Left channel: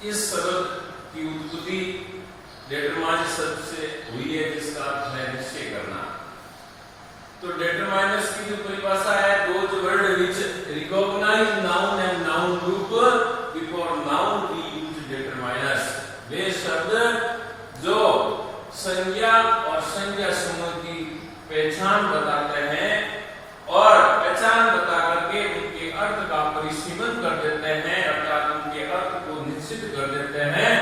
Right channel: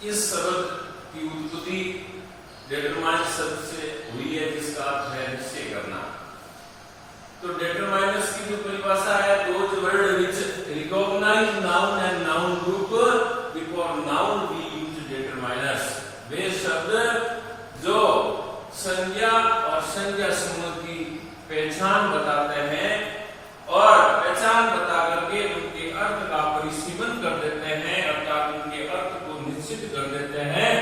इस शब्द की उत्पत्ति डिटरमाइन शब्द से हुई है, जिसका अर्थ है निश्चय करना। तो डिटरमाइनर्स की जो परिभाषा है, those word which recognise noun and noun group before noun we use determiners. वे शब्द जो संज्ञा और संज्ञा समूह की पहचान बताते हैं और पहचान बता करके उनके अर्थ का परिसीमन कर देते हैं, अर्थात उनके अर्थ को निश्चित कर देते हैं,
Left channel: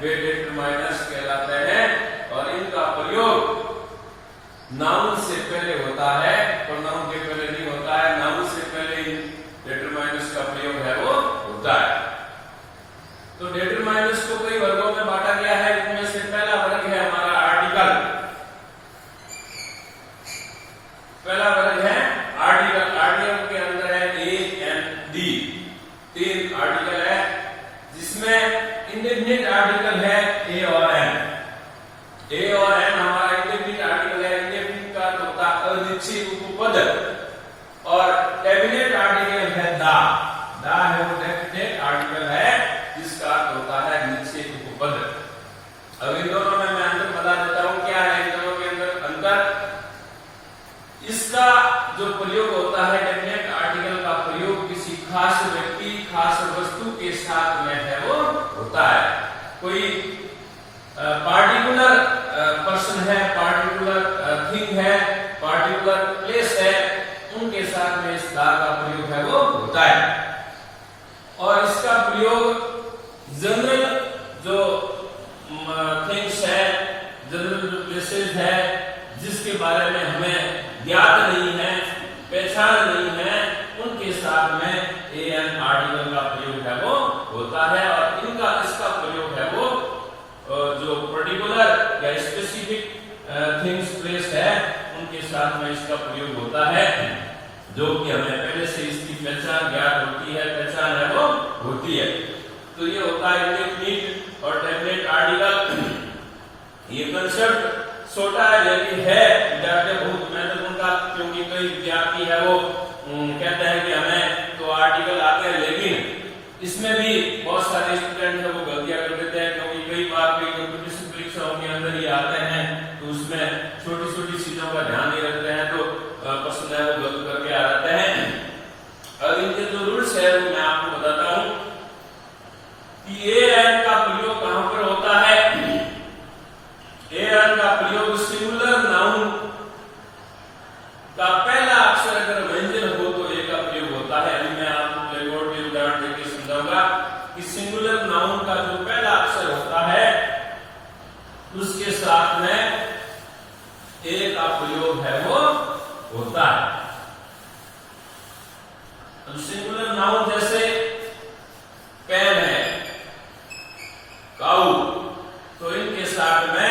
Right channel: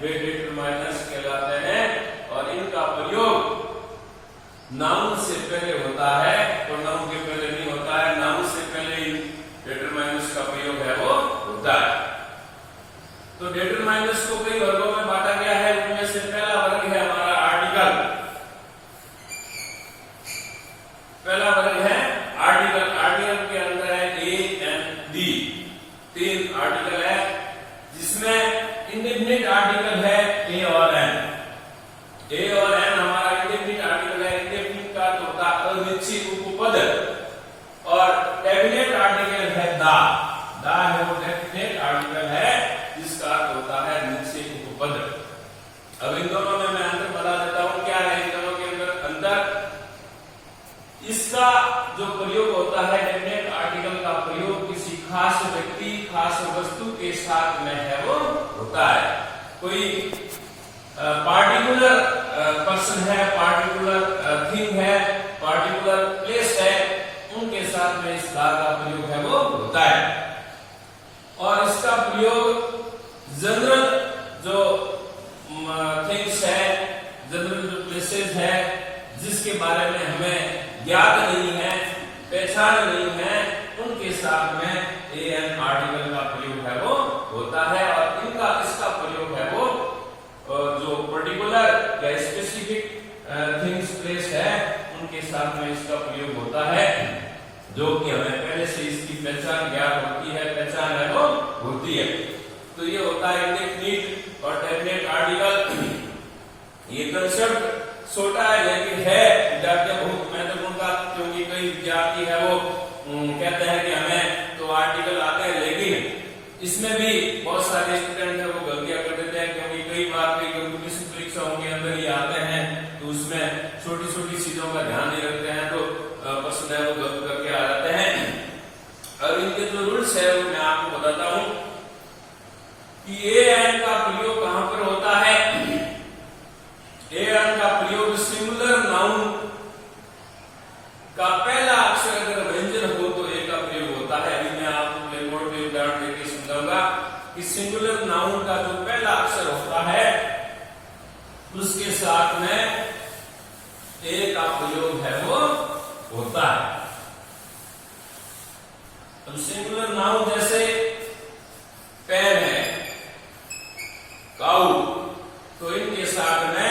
वे डिटरमाइनर्स कहलाते हैं। और इनका प्रयोग नाउन से पहले होता है, प्रोनाउन के पहले नहीं होता है। नाउन से पहले डिटरमाइनर्स का प्रयोग है वो होता है। तो डिटरमाइनर्स को कई वर्गों में बांटा गया है। उनमें से पहला वर्ग है हमारा आर्टिकल। पहला वर्ग है आर्टिकल। आर्टिकल के अंदर है ए एंड डी, 3 आर्टिकल है, जिसमें इंडेफिनिट आर्टिकल है ए और एन। ए और एन हमारा इंडेफिनिट आर्टिकल है। इंडेफिनिट का तो होता है अनिश्चित उपपद, और डेफिनेट आर्टिकल है दा। दा है वो डेफिनेट आर्टिकल है, जिसका अर्थ होता है निश्चित उपपद। अब इन दोनों में मैं अंतर बता देता हूं, क्या है इन दोनों के अंदर अंतर। इसका जो प्रयोग होता है, डेफिनेट आर्टिकल का प्रयोग किसी खास व्यक्ति, खास वस्तु के साथ में है वो होता है। कोई पार्टिकुलर पर्सन है, पार्टिकुलर थिंग है, पार्टिकुलर प्लेस है, उनके साथ में इस दा का प्रयोग है वो होता है। और इसका प्रयोग जनरल जो थिंग्स है, जनरल जो प्लेसेस है, जिसके बारे में हमें ज्ञात नहीं है, पहचान नहीं है, उनके साथ में ए एन आर्टिकल का प्रयोग है वो होता है। और इनका इसका प्रयोग है वो जो पर्टिकुलर या स्पेसिफिक थिंग्स प्लेस है, उनके साथ में इसका प्रयोग होता है, जो कि हमें पहले से इसकी पहचान ज्ञात होती है, पहचान है वो होती है। तो ये होता है इंडेफिनिट और डेफिनेट आर्टिकल। ये कंसेप्ट छोटा है लेकिन है बहुत महत्वपूर्ण का, क्योंकि कई विद्यार्थी है वो कहते हैं कि हमें तो आर्टिकल आते हैं, लेकिन इसमें भी बहुत सारे स्टूडेंट है वो गलतियां कर देते हैं, क्योंकि कई बार कई कंपटीशन परीक्षाओं के अंदर ये आते हैं तो उसमें छोटी छोटी चीजों का ध्यान नहीं रखते हैं, तो प्रश्न है वो गलत करके आ जाते हैं। और इनके जो रूल्स है वो मैं आपको बताता हूं कि ए एन का प्रयोग कहां पर होता है। ए एन का प्रयोग सिंगुलर नाउन का पहला अक्षर अगर व्यंजन हो तो ए का प्रयोग होता है। अभी मैं आपको ब्लैक बोर्ड पे उदाहरण देकर समझाऊंगा कि सिंगुलर नाउन का जो पहला अक्षर होता है, उसके साथ में ए का प्रयोग है वो होता है। अब सिंगुलर नाउन जैसे पेन है, काऊ, तो इनके साथ में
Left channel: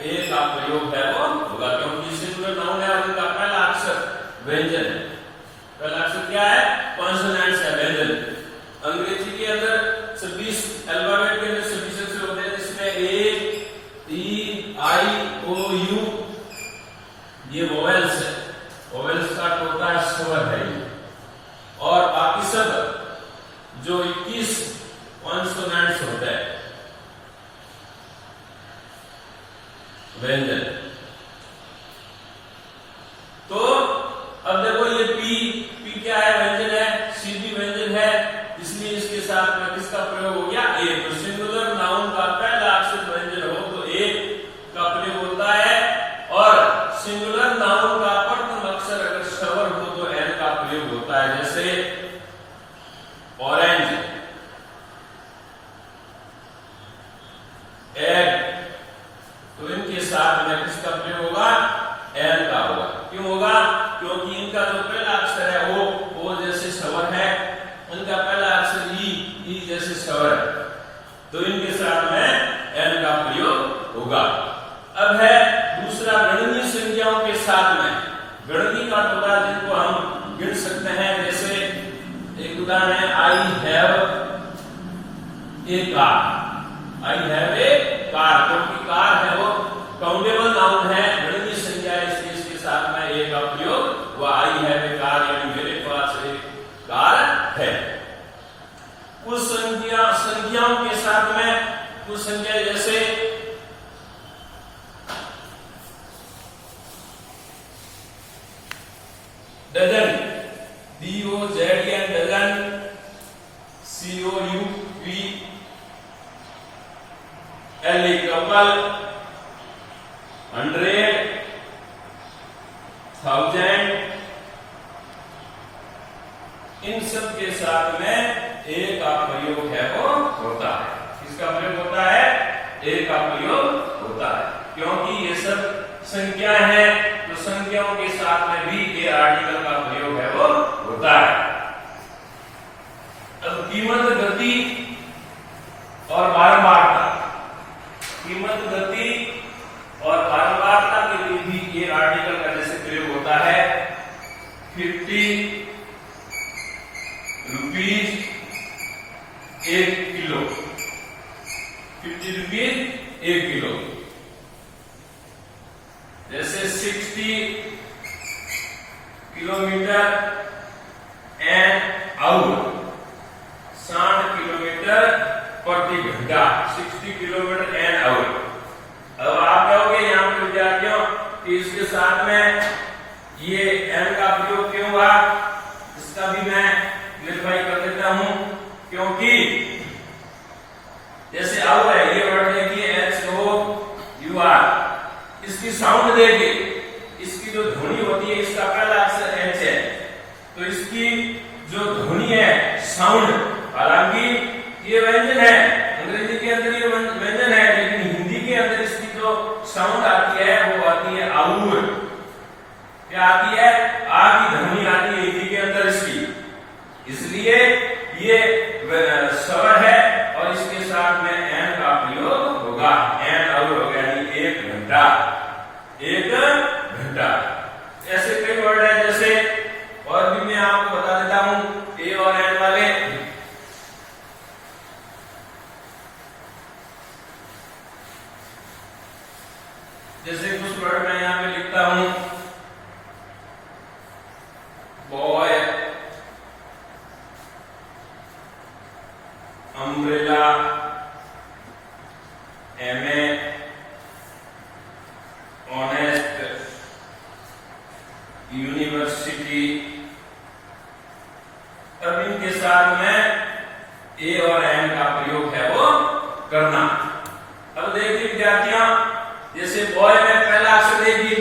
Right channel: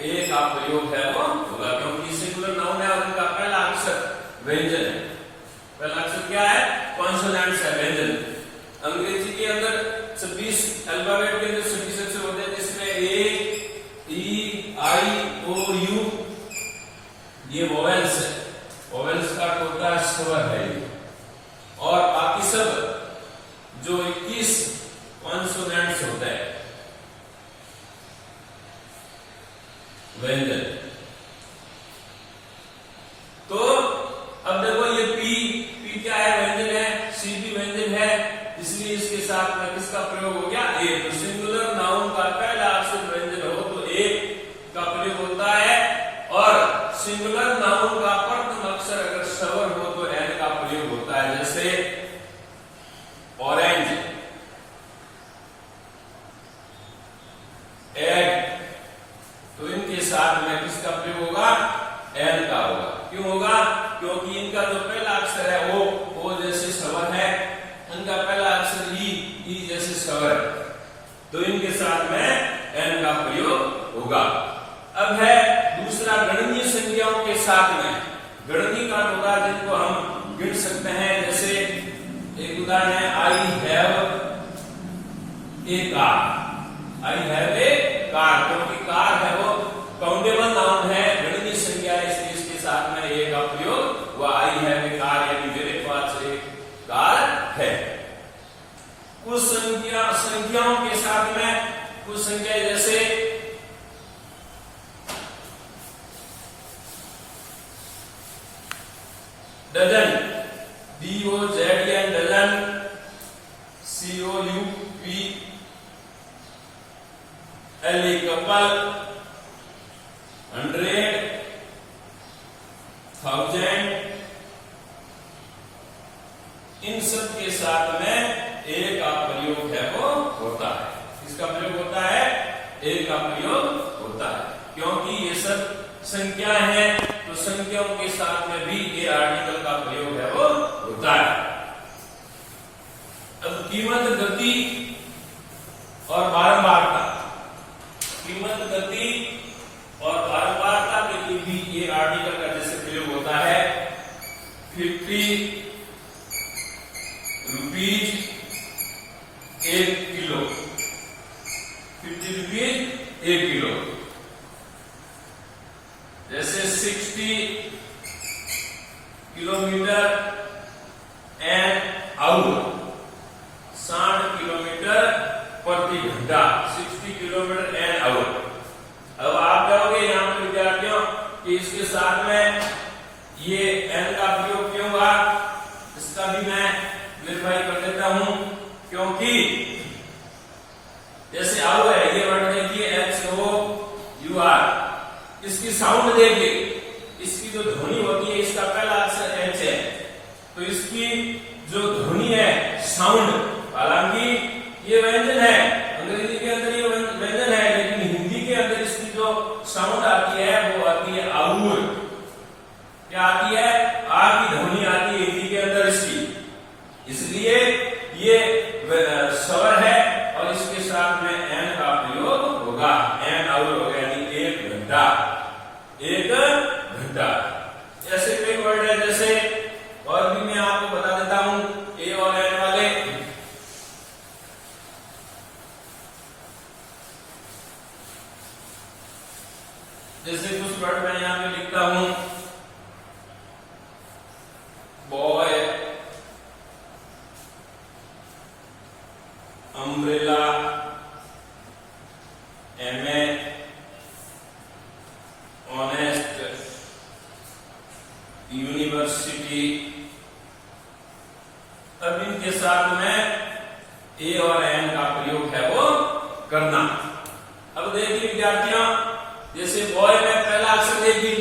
ए का प्रयोग है वो होगा, क्योंकि सिंगुलर नाउन है और इनका पहला अक्षर व्यंजन है। पहला अक्षर क्या है? कॉन्सोनेंट्स है, व्यंजन। अंग्रेजी के अंदर 26 अल्फाबेट के अंदर 26 अक्षर होते हैं, जिसमें ए, ई, आई, ओ, यू ये वोवेल्स है। वोवेल्स का होता है स्वर है ये। और बाकी सब जो 21 कॉन्सोनेंट्स होते हैं, व्यंजन। तो अब देखो ये पी क्या है? व्यंजन है। सी भी व्यंजन है, इसलिए इसके साथ में किसका प्रयोग हो गया? ए। तो सिंगुलर नाउन का पहला अक्षर व्यंजन हो तो ए का प्रयोग होता है, और सिंगुलर नाउन का प्रथम अक्षर अगर स्वर हो तो एन का प्रयोग होता है। जैसे ऑरेंज, एग, तो इनके साथ में किसका प्रयोग होगा? एन का होगा। क्यों होगा? क्योंकि इनका जो पहला अक्षर है वो जैसे स्वर है, इनका पहला अक्षर ई जैसे स्वर है, तो इनके साथ में एन का प्रयोग होगा। अब है दूसरा गणनीय संख्याओं के साथ में। गणनीय का होगा जिनको हम गिन सकते हैं। जैसे एक उदाहरण है, आई have A car. I have A car, क्योंकि कार है वो काउंटेबल नाउन है, गणनीय संख्या है, इसलिए इसके साथ में ए का प्रयोग हुआ। आई हैव ए कार, यानी मेरे पास एक कार है। कुछ संख्याओं के साथ में कुछ संख्या जैसे dozen, DOZN dozen, COUPLE couple, 100, 1000, इन सब के साथ में ए का प्रयोग है वो होता है। किसका प्रयोग होता है? ए का प्रयोग होता है, क्योंकि ये सब संख्याएं हैं, तो संख्याओं के साथ में भी ए आर्टिकल का प्रयोग है वो होता है। अब कीमत, गति और बारंबारता, कीमत, गति और बारंबारता के लिए भी ए आर्टिकल का जैसे प्रयोग होता है। 50 रुपीज 1 किलो, 50 रुपीज 1 किलो। जैसे 60 किलोमीटर एन आवर, 60 किलोमीटर प्रति घंटा, 60 किलोमीटर एन आवर। अब आप कहोगे यहाँ पे विद्यार्थियों कि इसके साथ में ये एन का प्रयोग क्यों हुआ, इसका भी मैं क्लियरफाई कर देता हूं। क्योंकि जैसे आवर है, ये वर्ड देखिए HOUR, इसकी साउंड देखिए, इसकी जो ध्वनि होती है, इसका पहला अक्षर H है, तो इसकी जो ध्वनि है, साउंड, हालांकि ये व्यंजन है, अंग्रेजी के अंदर ये व्यंजन है, लेकिन हिंदी के अंदर इसकी जो साउंड आती है वो आती है आउर। क्या आती है? आ की ध्वनि आती है हिंदी के अंदर इसकी, इसलिए ये स्वर है और इसके साथ में एन का प्रयोग होगा। एन आउर हो गया, यानी 1 घंटा, 1 घंटा। ऐसे कई वर्ड है, जैसे और भी मैं आपको बता देता हूं ए और एन वाले। जैसे कुछ वर्ड मैं यहां पे लिखता हूं, boy, umbrella, MA, honest, university. अब इनके साथ में ए और एन का प्रयोग है वो करना। अब देखिए विद्यार्थियों, जैसे बॉय में पहला अक्षर देखिए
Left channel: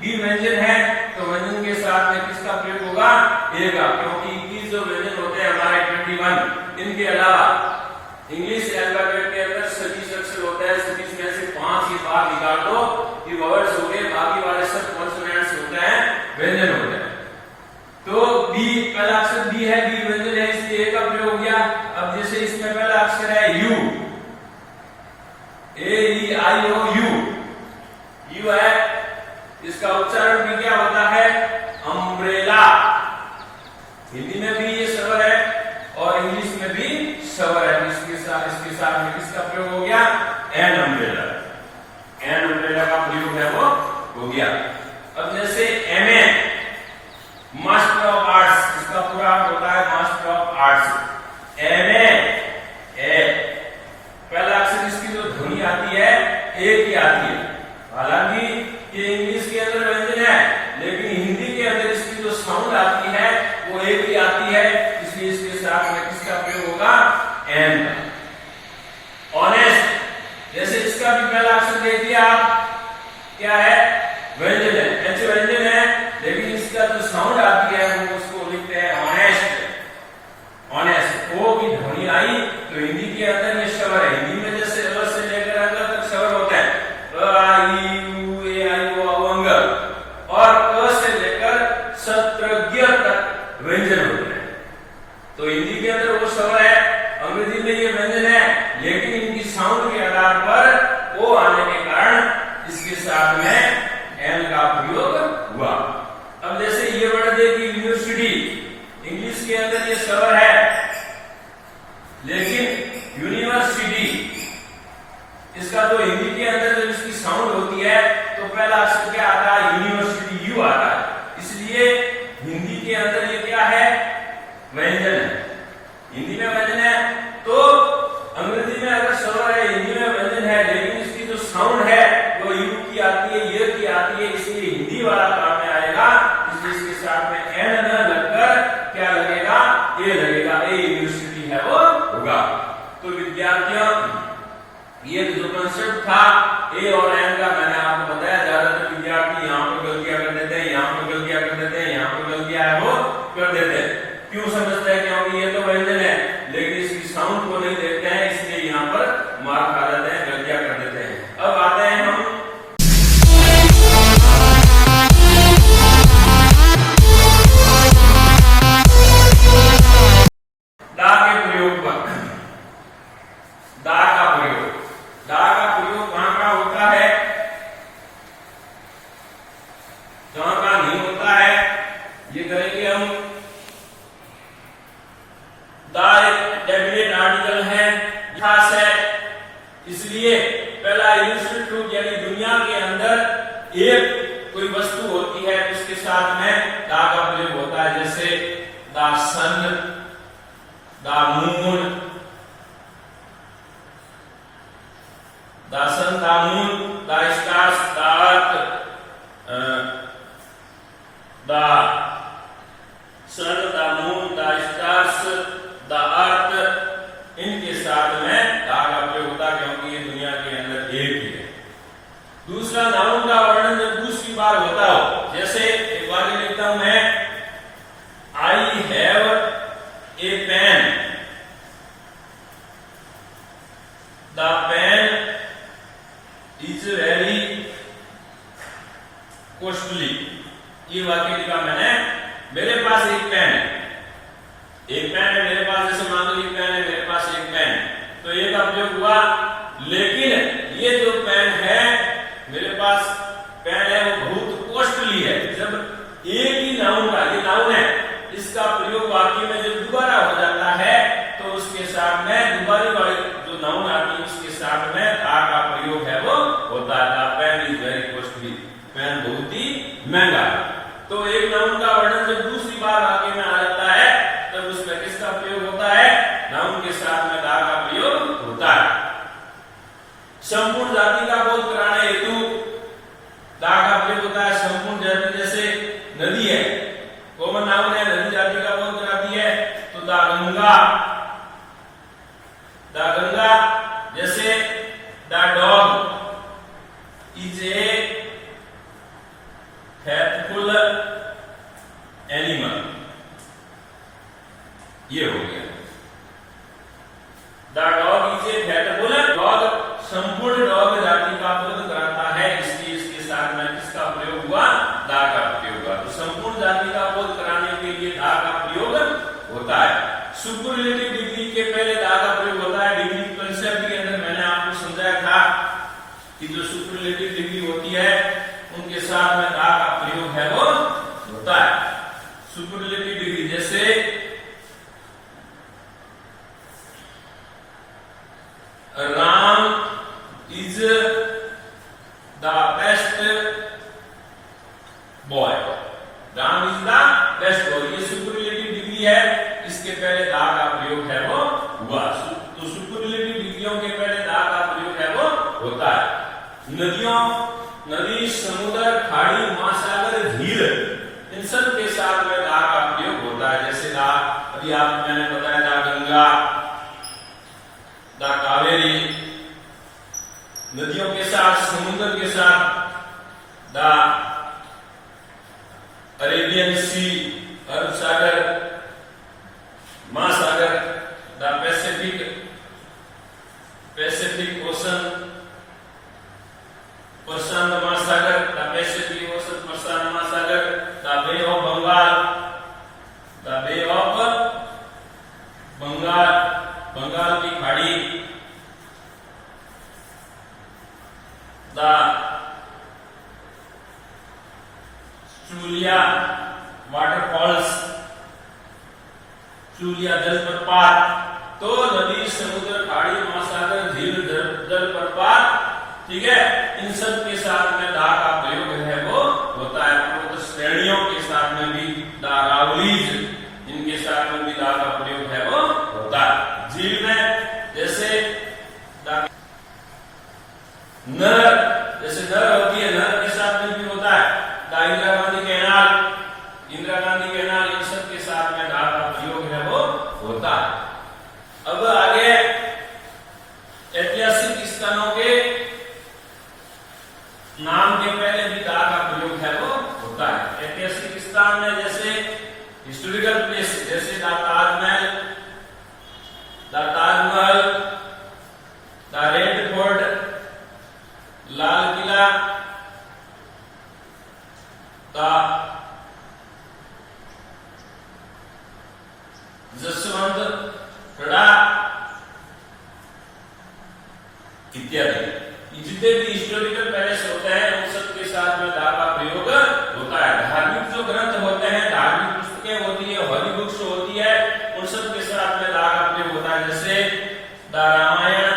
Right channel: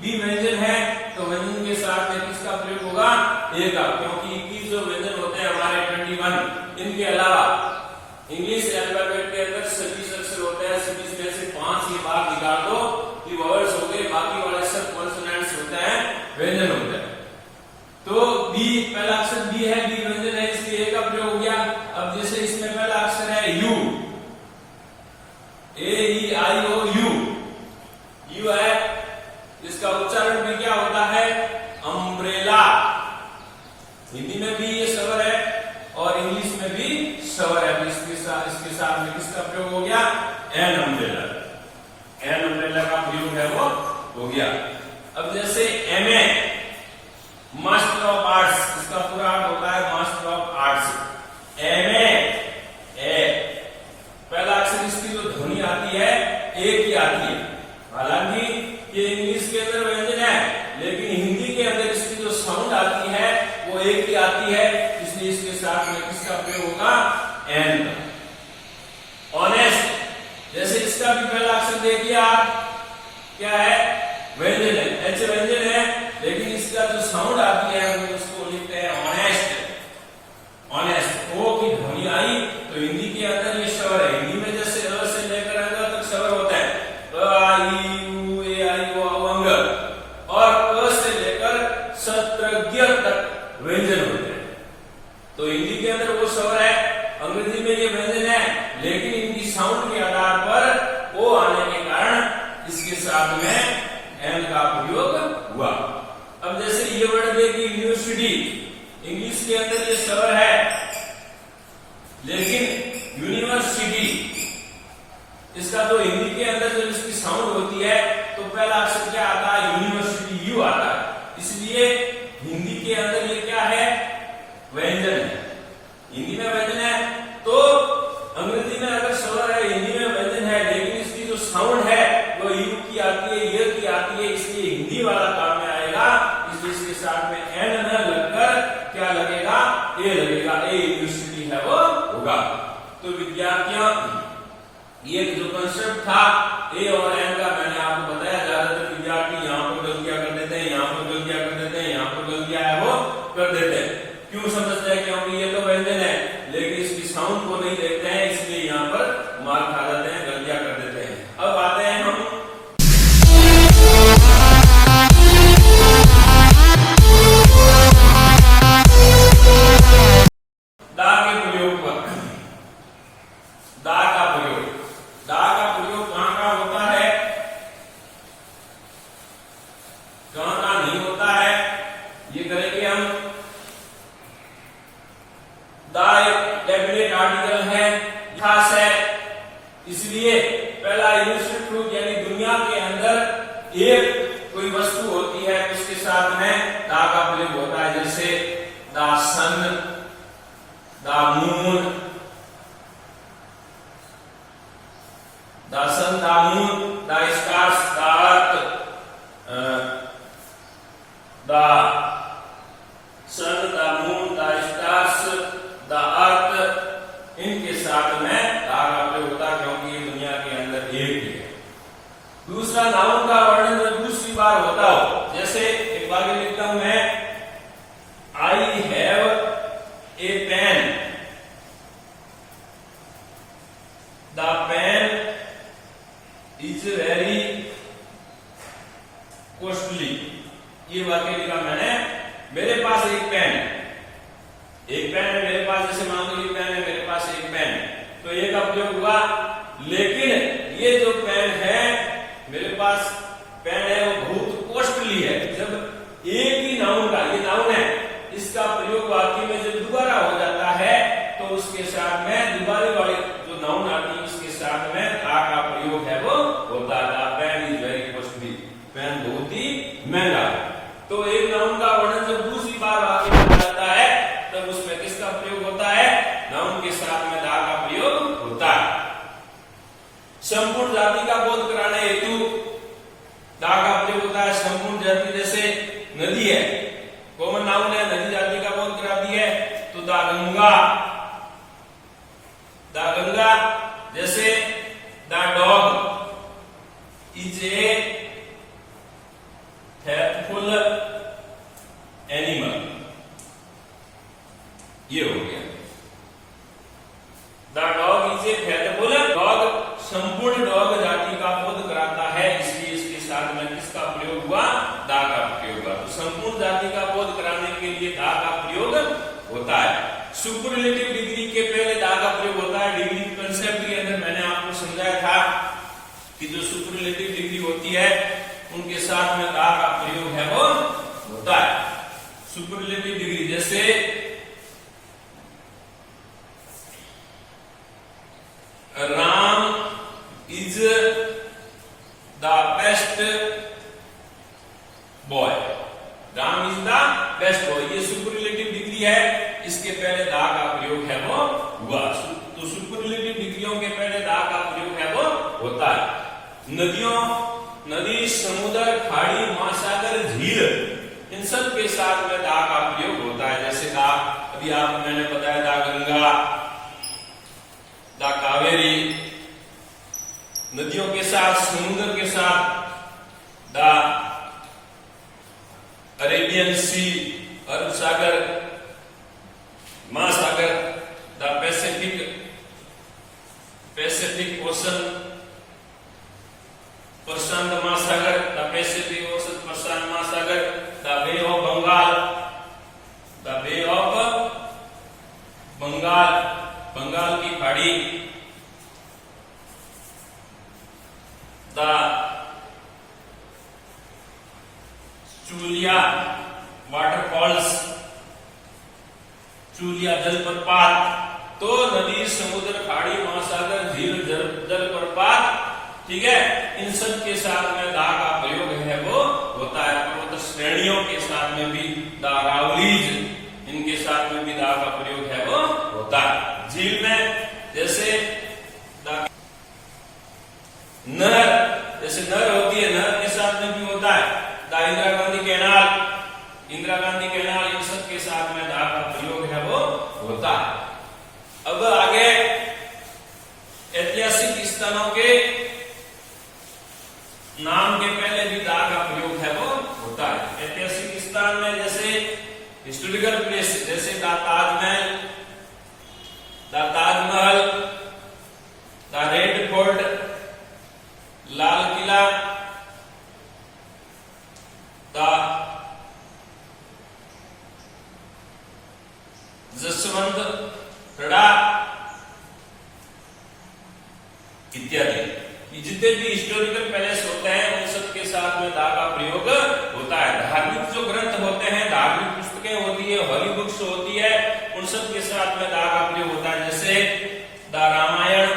बी व्यंजन है, तो व्यंजन के साथ में किसका प्रयोग होगा? ए का, क्योंकि 21 जो व्यंजन होते हैं हमारे 21, इनके अलावा इंग्लिश अल्फाबेट के अंदर 26 अक्षर होते हैं, 26 में से 5 ही बार निकाल दो, ये वॉवेल्स हो गए, बाकी वाले सब कॉन्सोनेंट्स होते हैं, व्यंजन होते हैं। तो बी, पहला अक्षर बी है, बी व्यंजन है, इसलिए ए का प्रयोग हो गया। अब जैसे इसमें पहला अक्षर है यू, AEIOU, यू है, इसका उच्चारण भी क्या होता है? अम्ब्रेला। हिंदी में भी ये स्वर है और इंग्लिश में भी स्वर है, इसके साथ में किसका प्रयोग हो गया? An umbrella. एन अम्ब्रेला का प्रयोग है वो हो गया। अब जैसे MA, मास्टर ऑफ आर्ट्स, इसका पूरा होता है मास्टर ऑफ आर्ट्स। MA, पहला अक्षर इसकी जो ध्वनि आती है ए की आती है, हालांकि ये इंग्लिश के अंदर व्यंजन है, लेकिन हिंदी के अंदर इसकी जो साउंड आती है वो ए की आती है, इसलिए इसके साथ में किसका प्रयोग होगा? एन का। ऑनेस्ट, जैसे इसका भी पहला अक्षर देखिए आप, क्या है? व्यंजन है, एच व्यंजन है, लेकिन इसका जो साउंड आती है वो उसको लिखते हैं ऑनेस्ट। ऑनेस्ट, ओ की ध्वनि आई तो हिंदी के अंदर ये स्वर है। हिंदी में जैसे अ से लेकर अंग तक स्वर होते हैं, अ आई उ ए आई ओ अंग, और क से लेकर शत्रज्ञ तक व्यंजन होते हैं। तो हिंदी के अंदर वो स्वर है, अंग्रेजी में ये व्यंजन है, लेकिन इनकी साउंड के आधार पर ओ आने के कारण इसके साथ में एन का प्रयोग हुआ। अब जैसे ये वर्ड देखिए यूनिवर्सिटी, इंग्लिश के अंदर ये स्वर है, लेकिन यूनिवर्सिटी, इसका तो हिंदी के अंदर जब इसकी साउंड होती है तो पहला अक्षर क्या आता है? यूनिवर्सिटी, यू आता है, इसलिए हिंदी के अंदर ये क्या है? व्यंजन है। हिंदी में व्यंजन है तो विद्यार्थियों ये जो कंसेप्ट था ए और एन का, मैंने आपको बताया ज्यादातर विद्यार्थी यहाँ पर गलतियां कर देते हैं, यहाँ पर गलतियां कर देते हैं, यहाँ पर गलतियां है वो कर देते हैं। क्यों समझते हैं? क्योंकि ये तो व्यंजन है लेकिन इसकी साउंड को नहीं देखते हैं, इसलिए यहाँ पर मार खा देते हैं, गलतियां कर देते हैं। अब आते हैं हम दा के प्रयोग पर। दा का प्रयोग, दा का प्रयोग कहां का होता है, कहां का नहीं होता है, ये करेंगे हम। दा एक डेफिनेट आर्टिकल है, खास है, इसलिए पहला यूनिवर्सल ट्रूथ यानी दुनिया के अंदर एक कोई वस्तु होती है उसके साथ में दा का प्रयोग होता है, जैसे दा सन, दा मून, दा सन, दा मून, दा स्टार्स, दा अर्थ, दा सन, दा मून, दा स्टार्स, दा अर्थ, इनके साथ में दा का प्रयोग होता है क्योंकि ये दुनिया के अंदर एक ही है। दूसरा नाउन का वर्णन जब दूसरी बार होता हो, जैसे एक बार लिखता हूं मैं, I have a pen, the pen is very costly. ये वाक्य लिखा मैंने, मेरे पास एक पेन है, एक पेन है मेरे पास, जैसे मान लो एक पेन है मेरे पास एक पेन, तो ये का प्रयोग हुआ। लेकिन ये जो पेन है मेरे पास पेन है वो बहुत कॉस्टली है। जब एक ही नाउन का, ये नाउन है, इसका प्रयोग वाक्य में जब दोबारा हो जाता है तो उसके साथ में दोबारा वाले जो नाउन आती है उसके साथ में दा का प्रयोग है वो होता है। Pen is very costly, pen बहुत ही महंगा। तो एक नाउन का वर्णन जब दूसरी बार वाक्य में आ जाता है तब उसमें किसका प्रयोग होता है, नाउन के साथ में दा का प्रयोग होता है। संपूर्ण जाति का बोध कराने हेतु दा का प्रयोग होता है। संपूर्ण जाति जैसे नदी है, कॉमन नाउन है, नदी जाति का बोध कराती है, तो दा गंगा, दा गंगा, जैसे the dog is a faithful animal, ये हो गया। The dog is a faithful dog, संपूर्ण डॉग जाति का बोध कराता है, इसलिए इसके साथ में किसका प्रयोग हुआ, दा का प्रयोग हुआ। तो संपूर्ण जाति का बोध कराने के लिए दा का प्रयोग होता है। सुपरलेटिव डिग्री के पहले दा का प्रयोग होता है। डिग्री कंसेप्ट के अंदर मैंने आपको समझाया था कि जो सुपरलेटिव डिग्री होती है उनके साथ में दा का प्रयोग है वो होता है। सुपरलेटिव डिग्री जैसे Ram is the best boy, Ram is the best boy, ये सुपरलेटिव डिग्री है, इसके पहले दा का प्रयोग है वो हुआ। तो सुपरलेटिव डिग्रियों के पहले दा का प्रयोग है वो होता है। नदियों, नदी, समुद्र, खाड़ी, महासागर, झील, इन सब के साथ में दा का प्रयोग होता है। जैसे दा, अभी आप मैंने बताया दा गंगा, दा कावेरी, नदियों के साथ, समुद्र के साथ दा अरेबियन सी, अरब सागर, महासागर, द पैसिफिक ओशन, प्रशांत महासागर, द पैसिफिक ओशन, प्रशांत महासागर, the Bay of Bengal, the Bay of Bengal, Bengal की खाड़ी, द चूलिया वाटरफॉल्स, चूलिया जलप्रपात। तो नदी, समुद्र, खाड़ी, महासागर, झील, जलप्रपात, ठीक है, इन सब के साथ में दा का प्रयोग है वो होता है। पर्वत श्रेणियों के साथ में भी दा, रावलीज, इनके साथ में भी दा का प्रयोग है वो होता है। झील में जैसे नहर, जैसे नहर होती है, नहर के साथ में भी होता है दा। इंदिरा गांधी कैनाल, इंदिरा गांधी कैनाल, इन सब के साथ में दा का प्रयोग है वो होता है। अब आगे हिस्टोरिकल प्लेस जैसे the Taj Mahal, the red fort, Lal Qila, the Jaswantgarh इत्यादि। जितने भी हिस्टोरिकल पैलेस होते हैं उन सब के साथ में दा का प्रयोग होता है। धार्मिक जो ग्रंथ होते हैं, धार्मिक पुस्तकें होती है, हॉली बुक्स होती है, उन सब के साथ में दा का प्रयोग होता है। जैसे the Ramayana,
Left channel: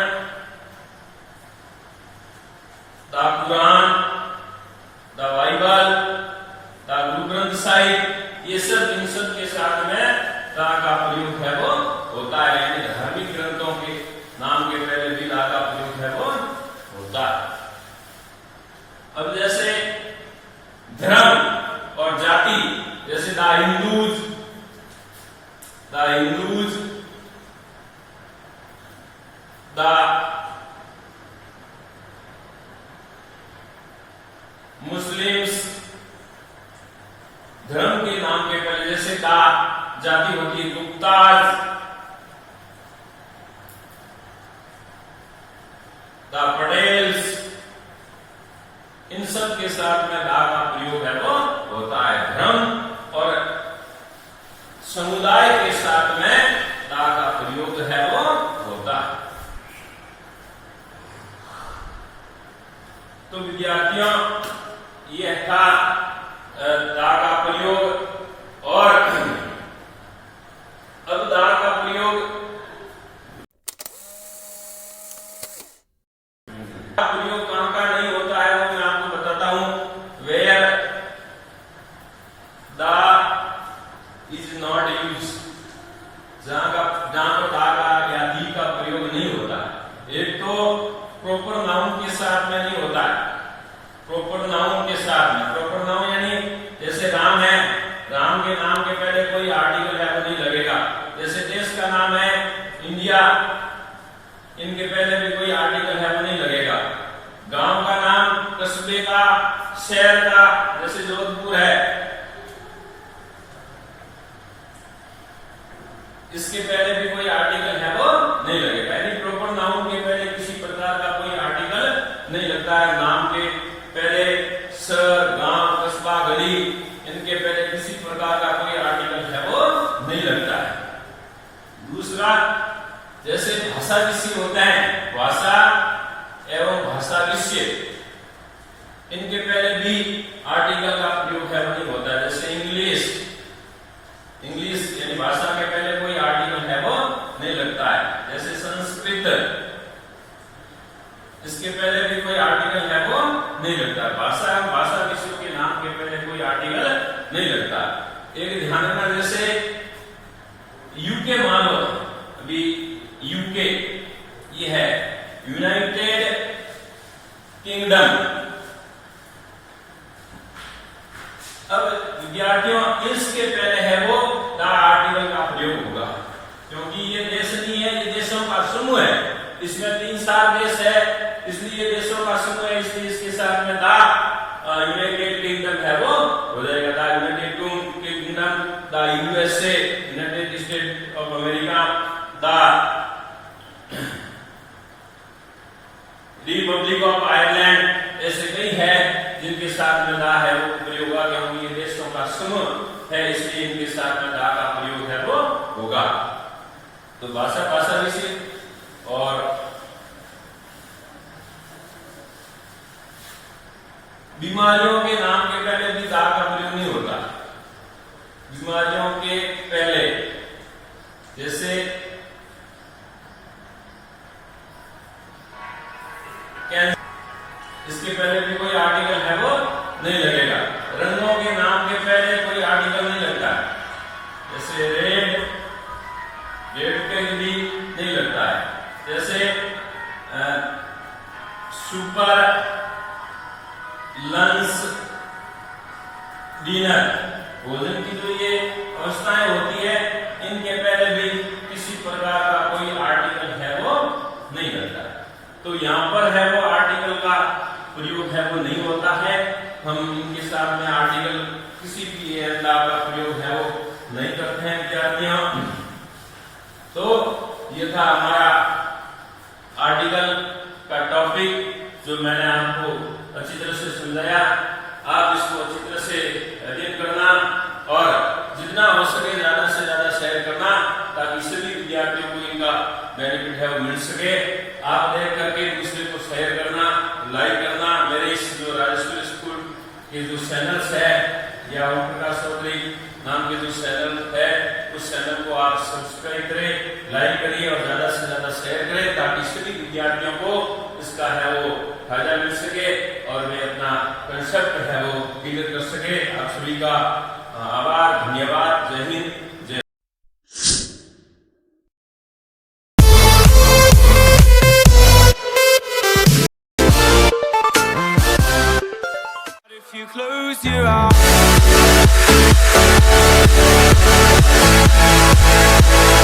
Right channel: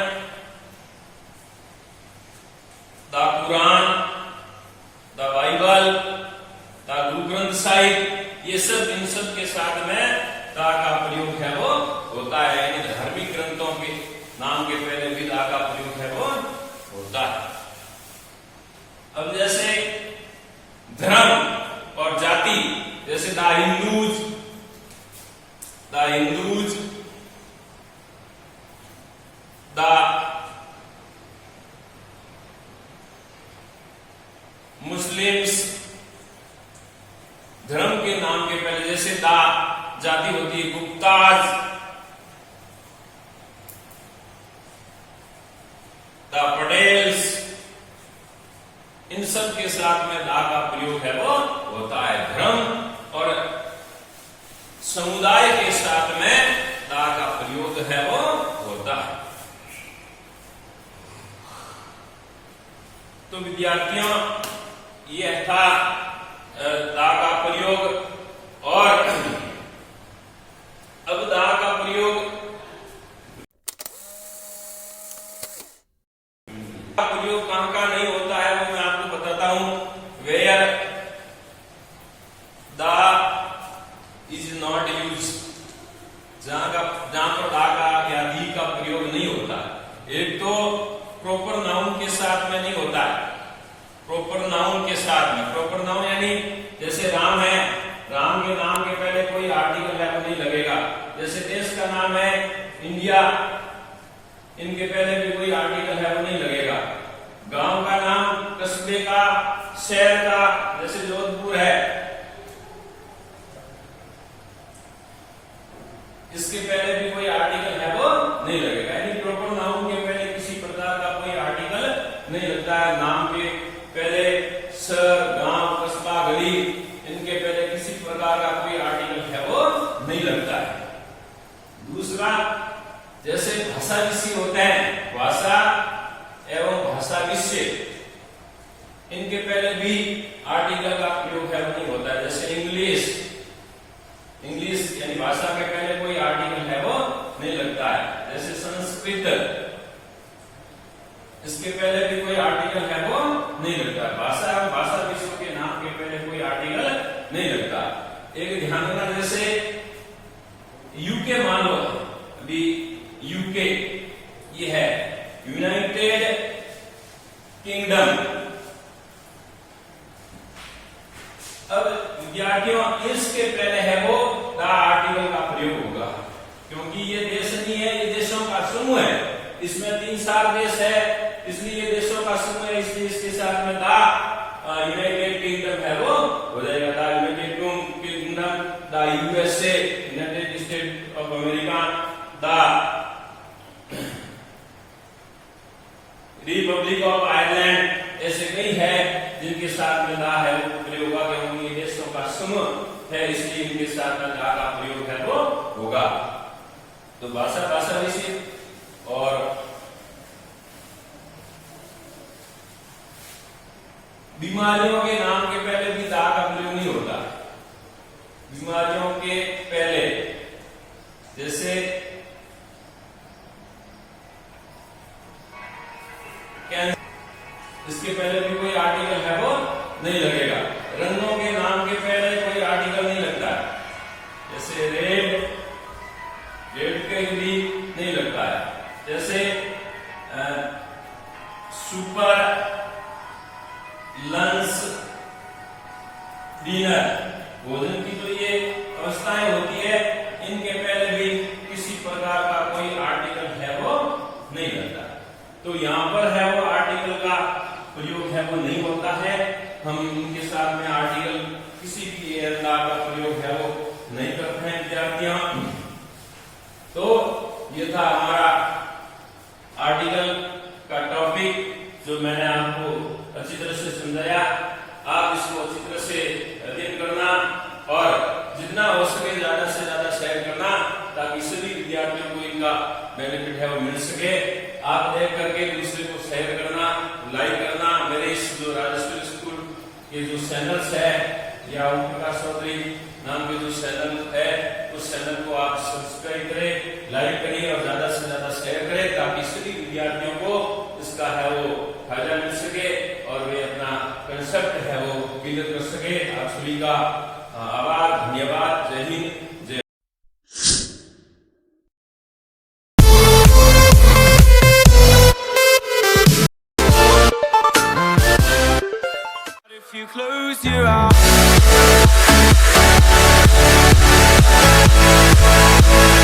the Purana, the Bible, the Guru Granth Sahib, ये सब इन सब के साथ में दा का प्रयोग है वो होता है। यानी धार्मिक ग्रंथों के नाम के पहले भी दा का प्रयोग है वो होता है। अब जैसे धर्म और जाति, जैसे द हिंदूज, द मुस्लिम्स, धर्म के नाम के पहले जैसे दा जाति होती है गुप्ताज, द पटेल्स, इन सब के साथ में दा का प्रयोग है वो होता है। धर्म और समुदाय के साथ में दा का प्रयोग है वो होता है। तो विद्यार्थियों, यह था दा का प्रयोग। और अब दा का प्रयोग कहां का नहीं होता है वो मैं आपको बताता हूं। वेयर दा इज नॉट यूज, जहां पर दा का या दी का प्रयोग नहीं होता। एक तो प्रॉपर नाउन के साथ में नहीं होता है, प्रॉपर नाउन के साथ में। प्रॉपर नाउन यानी जैसे राम है, राम के नाम के पहले कोई आर्टिकल है वो नहीं लगेगा। जैसे देश का नाम है इंडिया, इनके पहले भी कोई आर्टिकल है वो नहीं लगेगा। गांव का नाम, कस्बे का, शहर का, जैसे जोधपुर है, इसके पहले भी कोई आर्टिकल है वो नहीं लगेगा। यानी प्रॉपर नाउन के पहले किसी प्रकार का कोई आर्टिकल नहीं लगता है। नाम के पहले शहर, गांव, कस्बा, गली, इनके पहले किसी प्रकार का कोई आर्टिकल है वो नहीं लगता है। दूसरा, जैसे भाषा विषय होते हैं, भाषा एवं भाषा विषय, इनके पहले भी आर्टिकल का प्रयोग है नहीं होता है। जैसे इंग्लिश, यानी भाषा के पहले कोई आर्टिकल है वो नहीं लगता है। जैसे संस्कृत, इसके पहले भी कोई आर्टिकल है वो नहीं लगता। भाषा एवं भाषा विषयों के नाम के पहले कोई आर्टिकल नहीं लगता। एक ध्यान रखना, जैसे यूके मान लो, अभी यूके ये है यूनाइटेड किंगडम। अब विद्यार्थियों, इसके पहले है वो द आर्टिकल का प्रयोग होगा, क्योंकि ये देश नहीं है, ये देशों का समूह है। इसमें 3-4 देश है, इसलिए देशों का समूह है, इसलिए इसके साथ में द यूनाइटेड किंगडम है वो हो जाएगा। The United kingdom, the USA, United state of America, the Republic of Ireland, ऐसे कई है जिनके साथ में दा है वो प्रयोग होगा, क्योंकि ये देशों का समूह है, इसलिए इनके साथ में दा का प्रयोग है वो होगा। तो भाषा विषय और बीमारियों के नाम के पहले भी दा का प्रयोग नहीं होता। बीमारियों के पहले, जैसे कैंसर, इसके पहले भी कोई आर्टिकल है वो नहीं लगेगा। रंगों के नाम के पहले कोई आर्टिकल नहीं लगता, जैसे रेड के भी नहीं लगता है। जैसे सुपर, लंच, डिनर, भोजन की जो ये अवस्थाएं होती है, इनके पहले भी किसी प्रकार का कोई आर्टिकल है वो नहीं लगता। तो यहाँ पर है वो आर्टिकल का प्रयोग है वो नहीं होता है। हम इनके साथ में आर्टिकल किसी भी दा का प्रयोग है वो नहीं करते हैं विद्यार्थियों। तो ये था हमारा आर्टिकल का टॉपिक जो मैंने आपको अच्छी तरह से समझाया। आप इसको अच्छी तरह से अध्ययन करना और जितना हो सके ज्यादा से ज्यादा शेयर करना ताकि सभी विद्यार्थियों को इनका बेनिफिट है वो मिल सके। आप देख करके दूसरे को शेयर करना, लाइक करना। मेरे इस जो राजेश्वरी स्कूल के जो चैनल्स है या ओम प्रकाश चौधरी नाम के जो चैनल है उस चैनल को आप सब्सक्राइब करें, लाइक करिए और ज्यादा से ज्यादा शेयर करें ताकि सभी विद्यार्थियों को इसका है वो फायदा मिल सके और वे अपना कंसेप्ट है वो क्लियर कर सके। आप सभी का आभार, धन्यवाद।